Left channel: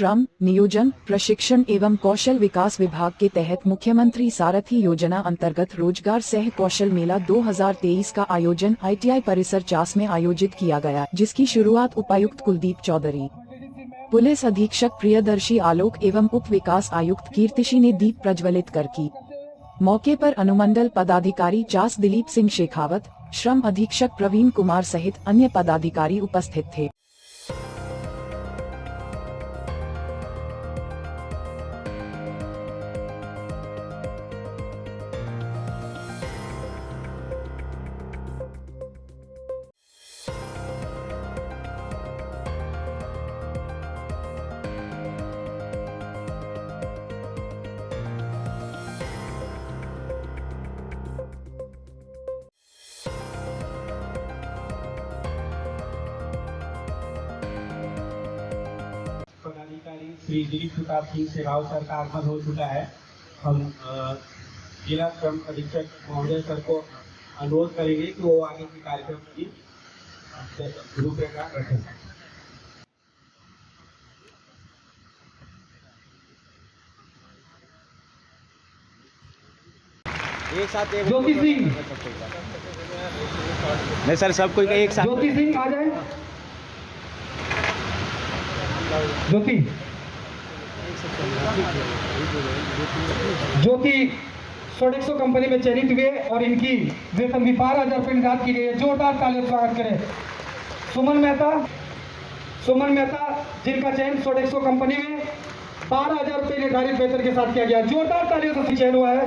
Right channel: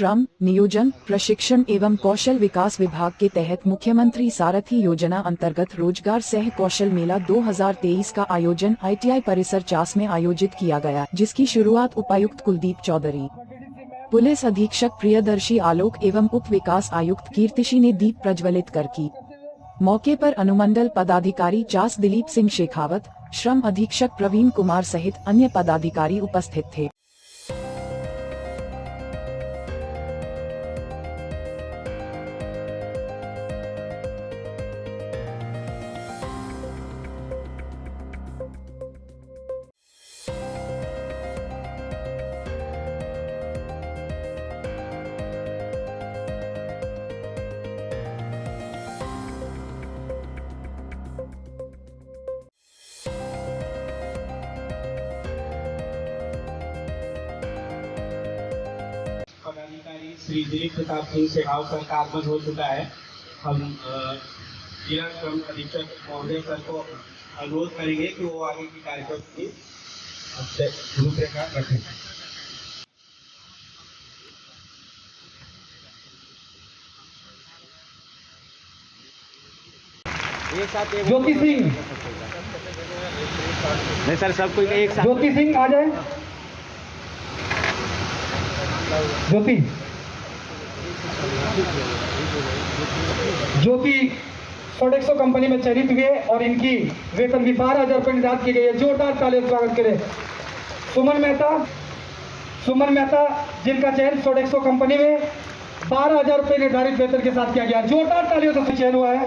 श्रम, नियोजन, प्रशिक्षण एवं कौशल विकास विभाग के तहत मुख्यमंत्री सारथी योजना अंतर्गत रोजगार सह कौशल मेला 2023 का आयोजन ITI परिसर चास में आयोजित किया गया, जिसकी शुरुआत उपायुक्त कुलदीप चौधरी, पुलिस अधीक्षक प्रियदर्शी आलोक एवं उप विकास आयुक्त कीर्तिशी ने दीप प्रज्वलित कर की। मौके पर अनुमंडल पदाधिकारी चास दिलीप सिंह शेखावत, श्रम अधीक्षक प्रवीण कुमार सहित अन्य पदाधिकारी उपस्थित थे। श्री दिलीप प्रताप सिंह शेखावत सर का आगमन हो चुका है। हम जिला श्रम अधीक्षक महोदय सर को अनुरोध करेंगे कि वो आगे की कार्यक्रम की रूपरेखा रखें। ज्योति सिंह, नहीं सर, सबको एक साथ। ज्योति सिंह आ जाए। ज्योति सोडेक्सो कंपनी में चयनित हुए और इनकी वेतन भी 12,000 रुपये निर्धारित की गई है। जोरदार तालियों से स्वागत करें। सुमन मेहता जिनका चयन सोडेक्सो कंपनी में 12,000 रुपये निर्धारित वेतन के साथ किया गया। जोरदार तालियों से चयन हुआ है।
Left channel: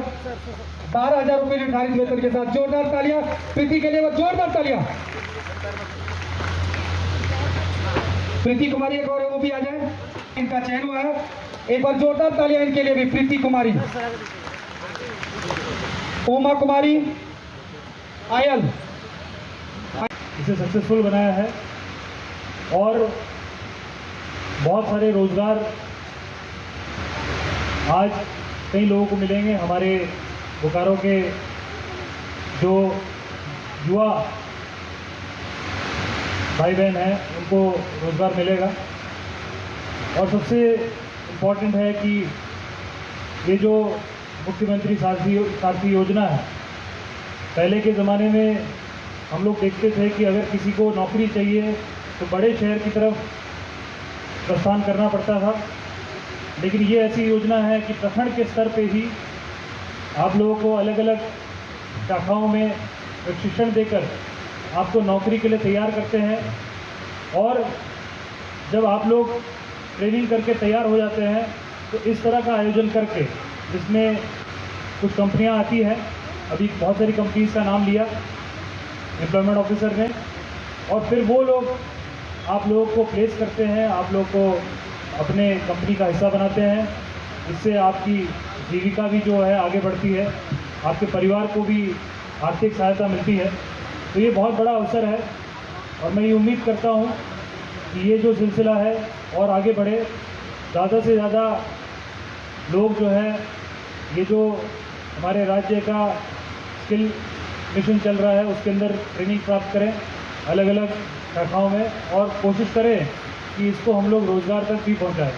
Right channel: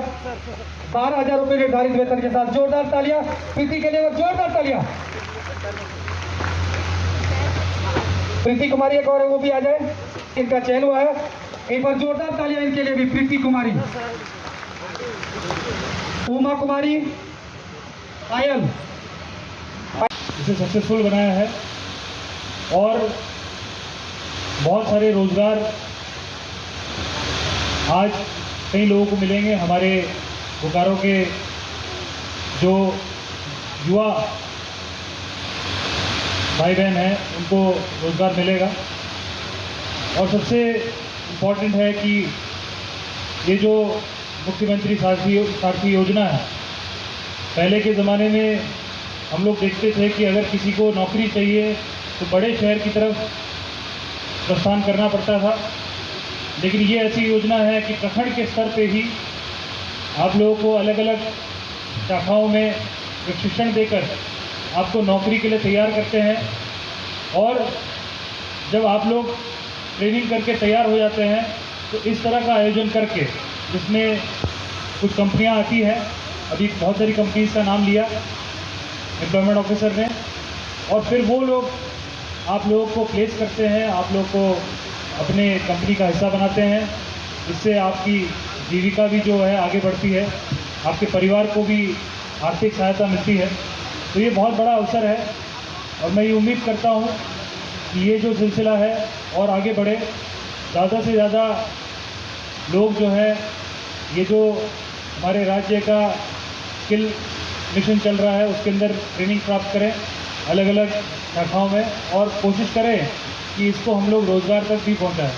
12,000 रुपये निर्धारित वेतन के साथ जोरदार तालियां। प्रीति के लिए जोरदार तालियां। प्रीति कुमारी एक और है, वो भी आ जाए। इनका चयन हुआ है। एक बार जोरदार तालियां इनके लिए भी। प्रीति कुमारी, उमा कुमारी, आयल, इसे सक्सेसफुल बनाया है और बहुत सारे रोजगार आज कई लोगों को मिलेंगे। हमारे बोकारो के जो युवा भाई बहन हैं उनको रोजगार मिलेगा। और सबसे इम्पोर्टेंट है कि ये जो मुख्यमंत्री सारथी योजना है, पहले के ज़माने में हम लोग देखते थे कि अगर किसी को नौकरी चाहिए तो बड़े शहर की तरफ प्रस्थान करना पड़ता था, लेकिन ये ऐसी योजना है कि प्रखंड के स्तर पे ही आप लोगों को अलग अलग शाखाओं में प्रशिक्षण देकर आपको नौकरी के लिए तैयार करते हैं। और जब आप लोग ट्रेनिंग करके तैयार हो जाते हैं तो इस तरह का आयोजन करके, जिसमें कुछ कंपनियां आती हैं, अभी बहुत सारी कंपनीज का नाम लिया एम्प्लॉयमेंट ऑफिसर ने, और फिर वो लोग आप लोगों को प्लेस करते हैं, आप लोग को अपने कंपनी का हिस्सा बनाते हैं। इससे आपकी जीविका भी जो है आगे बढ़ती है, आपके परिवार को भी आर्थिक सहायता मिलती है। तो ये बहुत बड़ा अवसर है और मैं ये उम्मीद करता हूँ कि ये जो सिलसिला है और आगे बढ़े, ज़्यादा से ज़्यादा लोग जो है ये जो हमारे राज्य का स्किल मिशन चल रहा है उसके अंदर ट्रेनिंग प्राप्त करें अलग अलग शाखाओं में, और कोशिश करें कि इसको हम लोग रोजगार तक भी पहुँचाएँ।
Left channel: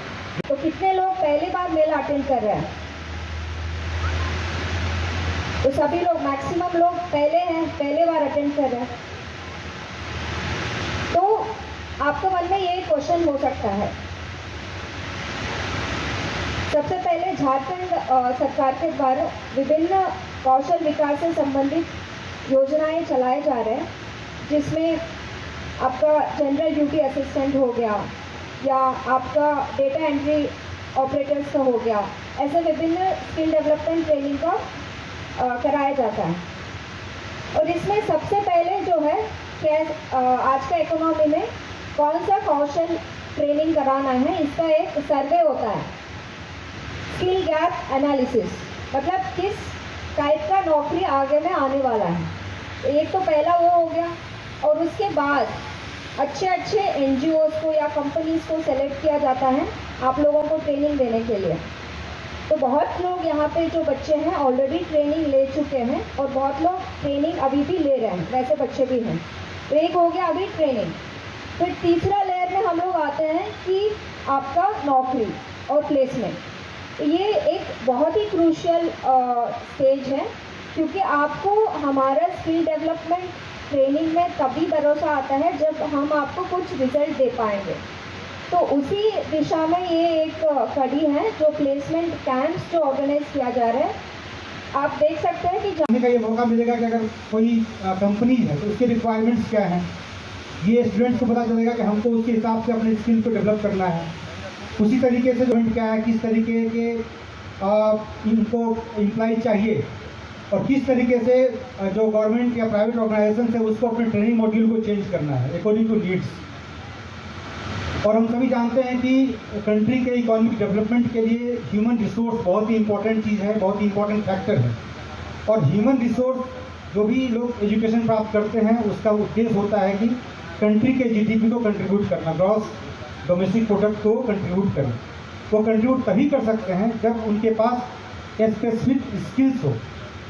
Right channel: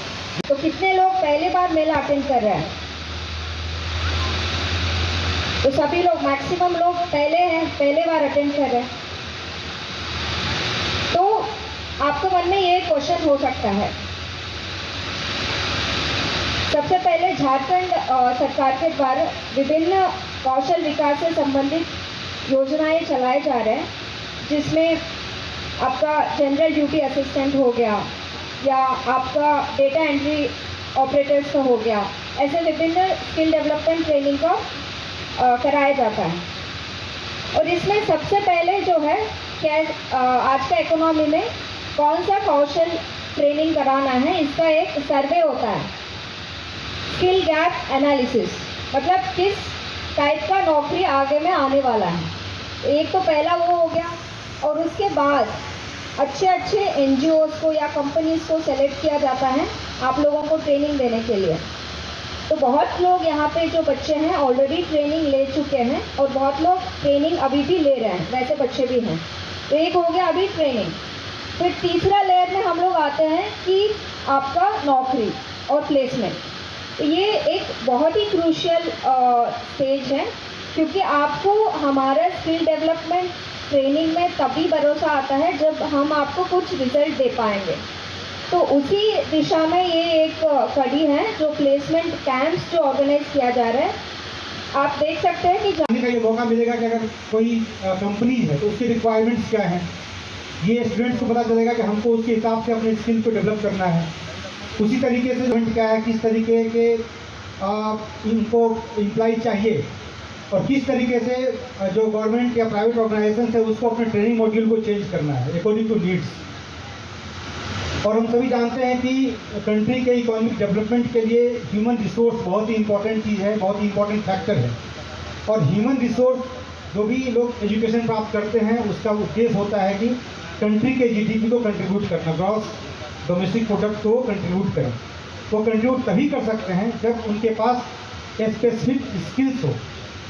तो कितने लोग पहली बार मेला अटेंड कर रहे हैं? तो सभी लोग, मैक्सिमम लोग पहले बार अटेंड कर रहे हैं। तो आपके मन में ये क्वेश्चन हो सकता है, सबसे पहले झारखंड सरकार के द्वारा विभिन्न कौशल विकास से संबंधित योजनाएं चलाए जा रहे हैं, जिसमें आपका जनरल ड्यूटी असिस्टेंट हो गया या आपका डेटा एंट्री ऑपरेटर्स का हो गया, ऐसे विभिन्न स्किल डेवलपमेंट ट्रेनिंग का कराया जाता है। और इसमें सबसे पहले जो है आज का इकोनॉमी में कौन सा कौशल ट्रेनिंग कराना है, इसका एक सर्वे होता है, स्किल गैप एनालिसिस, मतलब किस टाइप का नौकरी आगे में आने वाला है। तो एक तो पहला वो हो गया, और उसके बाद अच्छे NGOs को या कंपनीज को सेलेक्ट किया जाता है आप लोगों को ट्रेनिंग देने के लिए। तो बहुत लोग यहाँ पे जो बच्चे हैं ऑलरेडी ट्रेनिंग ले चुके हैं और बहुत लोग ट्रेनिंग अभी भी ले रहे हैं, वैसे बच्चे भी हैं। तो एक हो गया अभी ट्रेनिंग। फिर तीसरा लेयर में हम लोग आते हैं कि आपका नौकरी और प्लेसमेंट। तो ये एक बहुत ही क्रूशियल स्टेज है, क्योंकि आपको हमारा स्किल डेवलपमेंट ट्रेनिंग में तभी भरोसा आता है जब हम आपको कुछ रिजल्ट दे पाएंगे। तो उसी दिशा में ये एक कड़ी है जो प्लेसमेंट कैंप्स जो ऑर्गेनाइज किया जा रहा है। आप देख सकते हैं कि जानने का ये मौका मिलेगा कि अगर कोई कंपनी है तो उसके रिक्वायरमेंट्स क्या हैं, ये स्टूडेंट्स को पता चलेगा कि हमको उसके हिसाब से अपने स्किल को डेवलप करना है। उसी तरीके से पॉइंट क्या है, किस तरीके के इनको एम्प्लॉय चाहिए और किस तरीके से जो गवर्नमेंट या प्राइवेट ऑर्गेनाइजेशन है उसको अपने ट्रेनिंग मॉड्यूल को चेंज करना है अकॉर्डिंग टू नीड्स। और हम सभी जानते हैं कि कंट्री के इकोनॉमिक डेवलपमेंट के लिए ह्यूमन रिसोर्स बहुत ही इंपॉर्टेंट चीज़ है, बहुत ही इंपॉर्टेंट फैक्टर है। और ह्यूमन रिसोर्स जो भी लोग एजुकेशन प्राप्त करते हैं उसका उद्देश्य होता है कि कंट्री के जीडीपी को कंट्रीब्यूट करना, ग्रॉस डोमेस्टिक प्रोडक्ट को कंट्रीब्यूट करना। वो कंट्रीब्यूट तभी कर सकते हैं जब उनके पास एक स्पेसिफिक स्किल्स हो,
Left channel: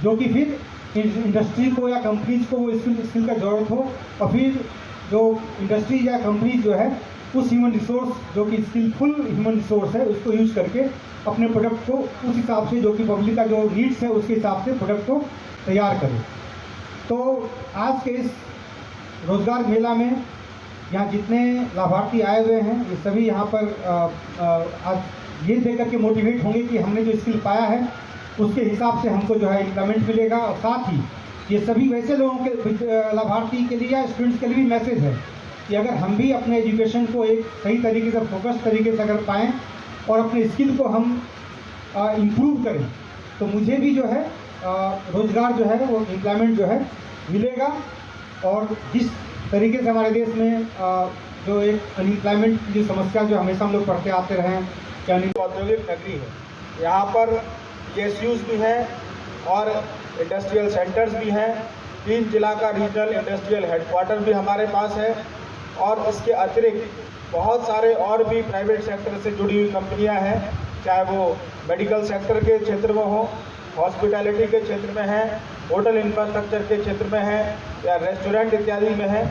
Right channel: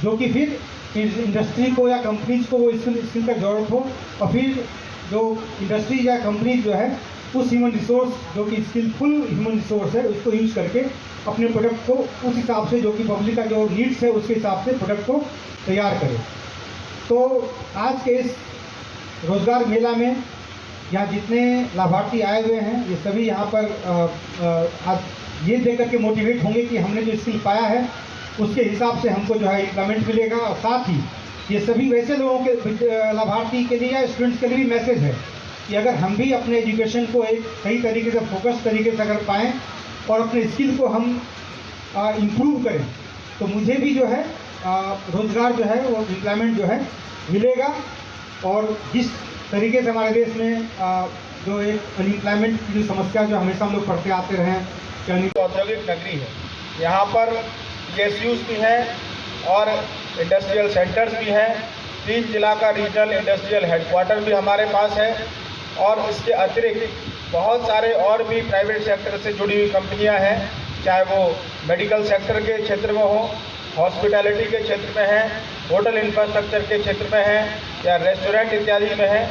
जो कि फिर इंडस्ट्री को या कंपनीज को वो स्किल का ज़रूरत हो, और फिर जो इंडस्ट्री या कंपनीज जो है उस ह्यूमन रिसोर्स जो कि स्किलफुल ह्यूमन रिसोर्स है उसको यूज़ करके अपने प्रोडक्ट को उस हिसाब से जो कि पब्लिक का जो नीड्स है उसके हिसाब से प्रोडक्ट को तैयार करें। तो आज के इस रोज़गार मेला में यहाँ जितने लाभार्थी आए हुए हैं ये सभी यहाँ पर आज ये देख करके मोटिवेट होंगे कि हमने जो स्किल पाया है उसके हिसाब से हमको जो है एम्प्लॉयमेंट मिलेगा। और साथ ही ये सभी वैसे लोगों के लाभार्थी के लिए या स्टूडेंट्स के लिए भी मैसेज है कि अगर हम भी अपने एजुकेशन को एक सही तरीके से फोकस तरीके से अगर पाएँ और अपने स्किल को हम इम्प्रूव करें तो मुझे भी जो है रोज़गार जो है वो एम्प्लॉयमेंट जो है मिलेगा। और जिस तरीके से हमारे देश में जो एक अनएम्प्लॉयमेंट की जो समस्या जो हमेशा हम लोग पढ़ते आते रहे हैं कि औद्योगिक नगरी है, यहाँ पर PSUs भी हैं और इंडस्ट्रियल सेंटर्स भी हैं। 3 जिला का रीजनल इंडस्ट्रियल हेडक्वार्टर भी हमारे पास है और इसके अतिरिक्त बहुत सारे और भी प्राइवेट सेक्टर से जुड़ी हुई कंपनियां हैं, चाहे वो मेडिकल सेक्टर के क्षेत्र में हो, हॉस्पिटैलिटी के क्षेत्र में है, होटल इंफ्रास्ट्रक्चर के क्षेत्र में है या रेस्टोरेंट इत्यादि में है।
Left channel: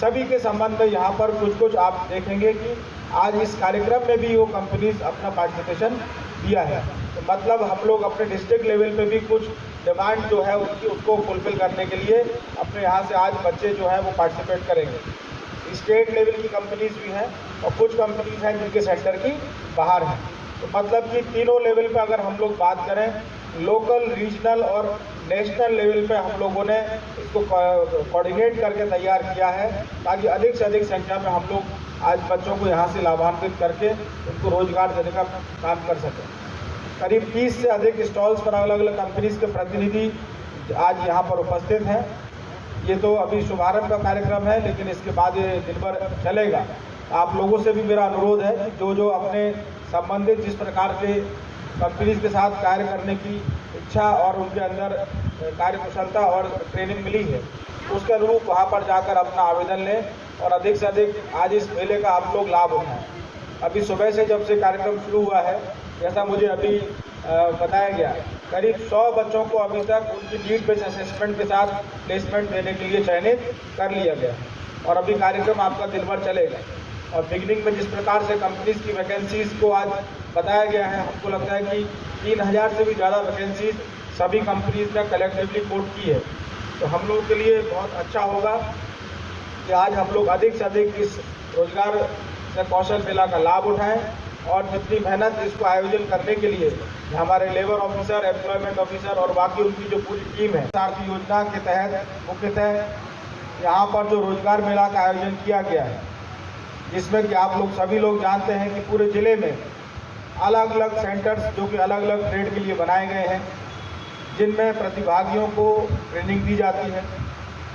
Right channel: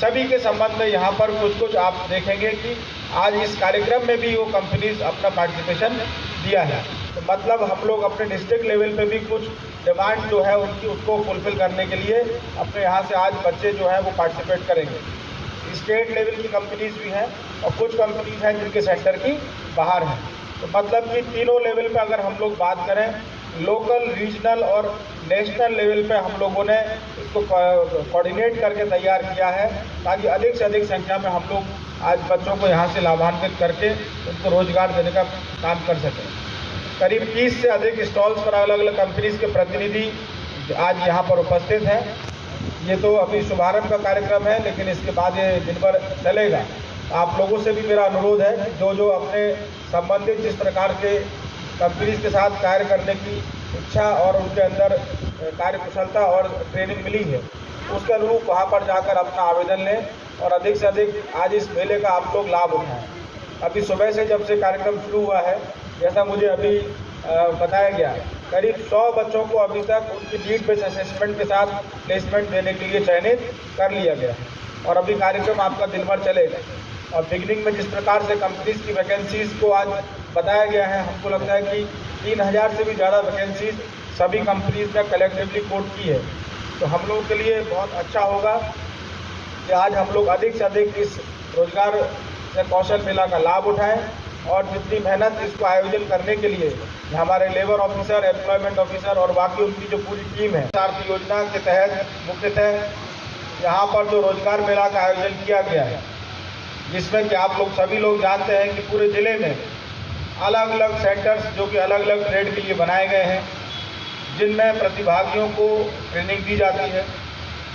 सभी के संबंध में यहाँ पर कुछ आप देखेंगे कि आज इस कार्यक्रम में भी वो कंपनीज अपना पार्टिसिपेशन दिया है। तो मतलब हम लोग अपने डिस्ट्रिक्ट लेवल पे भी कुछ डिमांड जो है उनकी उसको फुलफिल करने के लिए अपने यहाँ से आज बच्चे जो है वो पार्टिसिपेट करेंगे। स्टेट लेवल की कंपनीज भी हैं और कुछ कंपनीज हैं जिनके सेक्टर की बाहर हैं। तो मतलब कि तीनों लेवल पे अगर हम लोग बात करें, लोकल, रीजनल और नेशनल लेवल पे हम लोगों ने इसको कोऑर्डिनेट करके तैयार किया है ताकि अधिक से अधिक संख्या में हम लोग आज बच्चों को यहाँ से लाभान्वित करके उनको रोजगार देने का काम कर सकें। करीब 30 से अधिक स्टॉल्स पर अलग अलग कंपनीज के प्रतिनिधि आज यहाँ पर उपस्थित हैं। ये तो अभी शुभारंभ का कार्यक्रम है, लेकिन इसके बाद ये दिन भर चलेगा। आप लोगों से भी मेरा अनुरोध है कि जो अपने संबंधित जिस प्रकार के कंपनीज के साथ कार्य करने की इच्छा और उनके अंदर कार्य कुशलता और ट्रेनिंग मिली है, उसके अनुरूप वहाँ पर जाकर अपना आवेदन लें और अधिक से अधिक आज इस मेले का आप लोग लाभ उठाएं। अभी सुबह से जब से कार्यक्रम शुरू हुआ है, जैसा मुझे अभी बताया गया, करीब 100 बच्चों को अभी तक उनकी नीड बेस्ड असेसमेंट के साथ प्लेसमेंट देने के लिए चयनित कर लिया गया और अभी कार्यक्रम आपका दिन भर चलेगा। और बिगनिंग में जिस प्रकार से कंपनीज की वैकेंसीज को आज बताया गया है, हमको लगता है कि 3000 से भी ज़्यादा वैकेंसीज सभी कंपनीज ने कलेक्टिवली कोट की है। तो हम लोगों के लिए बहुत अच्छा होगा कि आज हम लोग अधिक से अधिक इस रोजगार कौशल मेला का लाभ उठाएं और जितनी मेहनत इसको आयोजन करने के लिए हमारे लेबर ऑफिसर, एम्प्लॉयमेंट ऑफिसर और बाकी उनकी जो पूरी टीम है, सारथी योजना के तहत मुख्यतः यहाँ पर जो रोजगार मेला का आयोजन किया गया है, जिसमें कि आप लोग सभी लोग जानते हैं कि पूरे ज़िले में अलग अलग सेंटर्स जो कि अलग अलग ट्रेड के लिए बनाए गए हैं, जिनमें प्रतिभागियों को ट्रेनिंग दी जाती है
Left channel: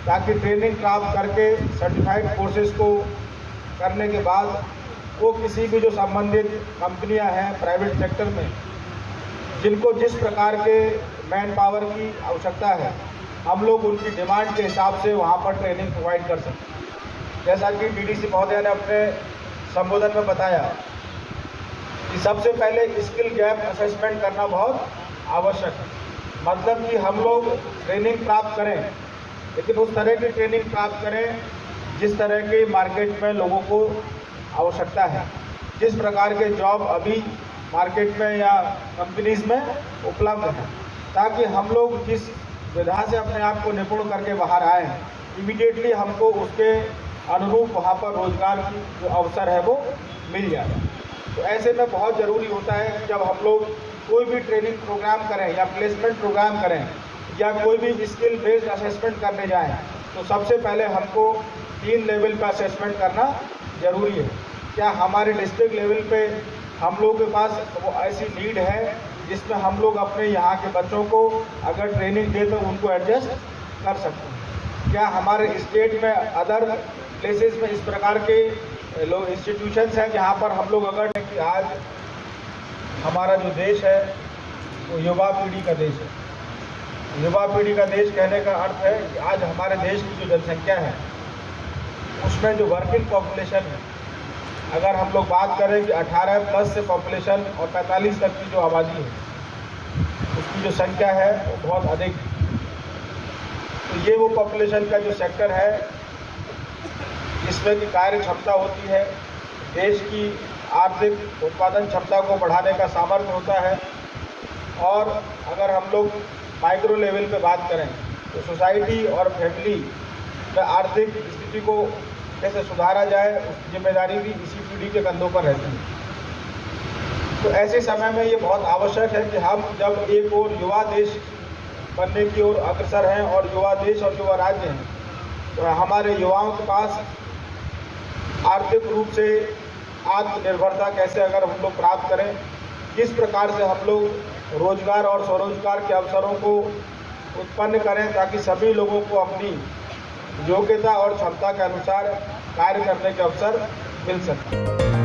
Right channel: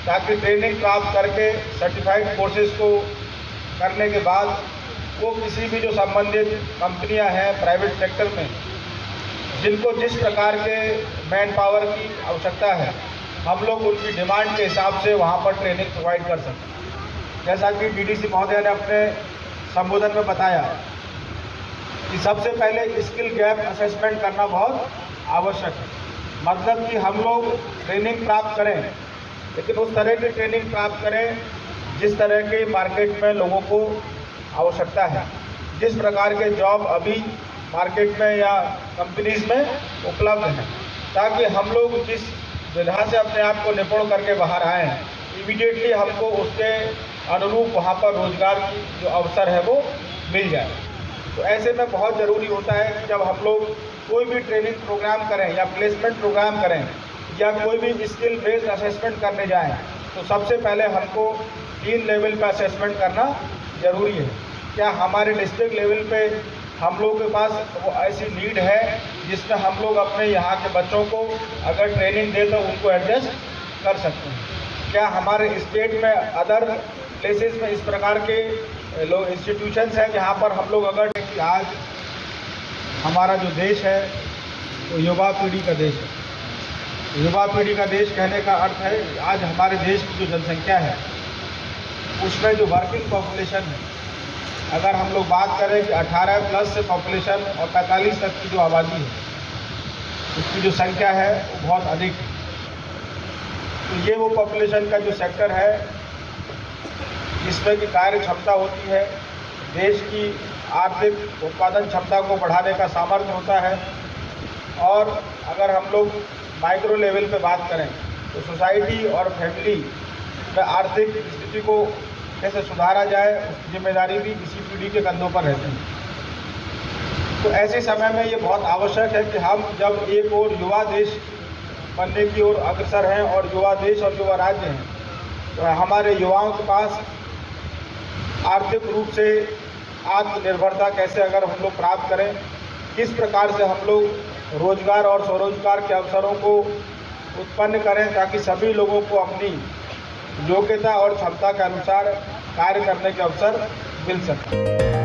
ताकि ट्रेनिंग प्राप्त करके सर्टिफाइड कोर्सेज को करने के बाद वो किसी भी जो संबंधित कंपनियां हैं प्राइवेट सेक्टर में, जिनको जिस प्रकार के मैन पावर की आवश्यकता है, हम लोग उनकी डिमांड के हिसाब से वहाँ पर ट्रेनिंग प्रोवाइड कर सकें। जैसा कि डीडीसी महोदय ने अपने संबोधन में बताया कि सबसे पहले स्किल गैप असेसमेंट करना बहुत आवश्यक है। मतलब कि हम लोग ट्रेनिंग प्राप्त करें, लेकिन उस तरह की ट्रेनिंग प्राप्त करें जिस तरह के मार्केट में लोगों को आवश्यकता है, जिस प्रकार के जॉब अभी मार्केट में या कंपनीज में उपलब्ध हैं, ताकि हम लोग जिस विधा से अपने आप को निपुण करके बाहर आए, इमीडिएटली हमको उसके अनुरूप वहाँ पर रोजगार की जो अवसर है वो मिल जाए। तो ऐसे में बहुत ज़रूरी होता है कि जब हम लोग कोई भी ट्रेनिंग प्रोग्राम करें या प्लेसमेंट प्रोग्राम करें या कोई भी स्किल बेस्ड असेसमेंट करने जाएं, तो सबसे पहले हमको 3 लेवल का असेसमेंट करना ज़रूरी है। क्या हमारे डिस्ट्रिक्ट लेवल पे हम लोग के पास ऐसी नीड है जिसमें हम लोग अपने यहाँ के बच्चों को अगर ट्रेनिंग दें तो उनको एडजस्ट कर सकते हैं? क्या हमारे स्टेट में अदर प्लेसेस में इस प्रकार के लोग इंस्टीट्यूशंस हैं जहाँ पर हम लोग अगर कि आज हमारा जो देश है वो युवा पीढ़ी का देश है। युवा पीढ़ी का देश कहने का अर्थ है कि आज हमारे देश की जो जनसंख्या है उसमें जो वर्किंग पॉपुलेशन है, अगर हम लोग बात करें कि 18 प्लस से पॉपुलेशन और 45 तक की जो आबादी है उसकी जो संख्या है वो बहुत अधिक है। तो ये वो पॉपुलेशन का जो सेक्टर है जिसमें कि कार्य क्षमता होती है, देश की आर्थिक उत्पादन क्षमता को बढ़ाने का सामर्थ्य होता है। और अगर हम लोग माइक्रो लेवल पे बात करें तो सोसाइटी और फैमिली में आर्थिक स्थिति को कैसे सुधारा जाए उसकी जिम्मेदारी भी इसी पीढ़ी के कंधों पर रहती है। तो ऐसे समय में ये बहुत आवश्यक है कि हम जब एक और युवा देश बनने की ओर अग्रसर हैं और युवा देश और युवा राज्य हैं, तो हमारे युवाओं के पास आर्थिक रूप से आत्मनिर्भरता कैसे अगर हम लोग प्राप्त करें, किस प्रकार से हम लोग रोजगार और स्वरोजगार के अवसरों को उत्पन्न करें ताकि सभी लोगों को अपनी योग्यता और क्षमता के अनुसार कार्य करने के अवसर मिल सके।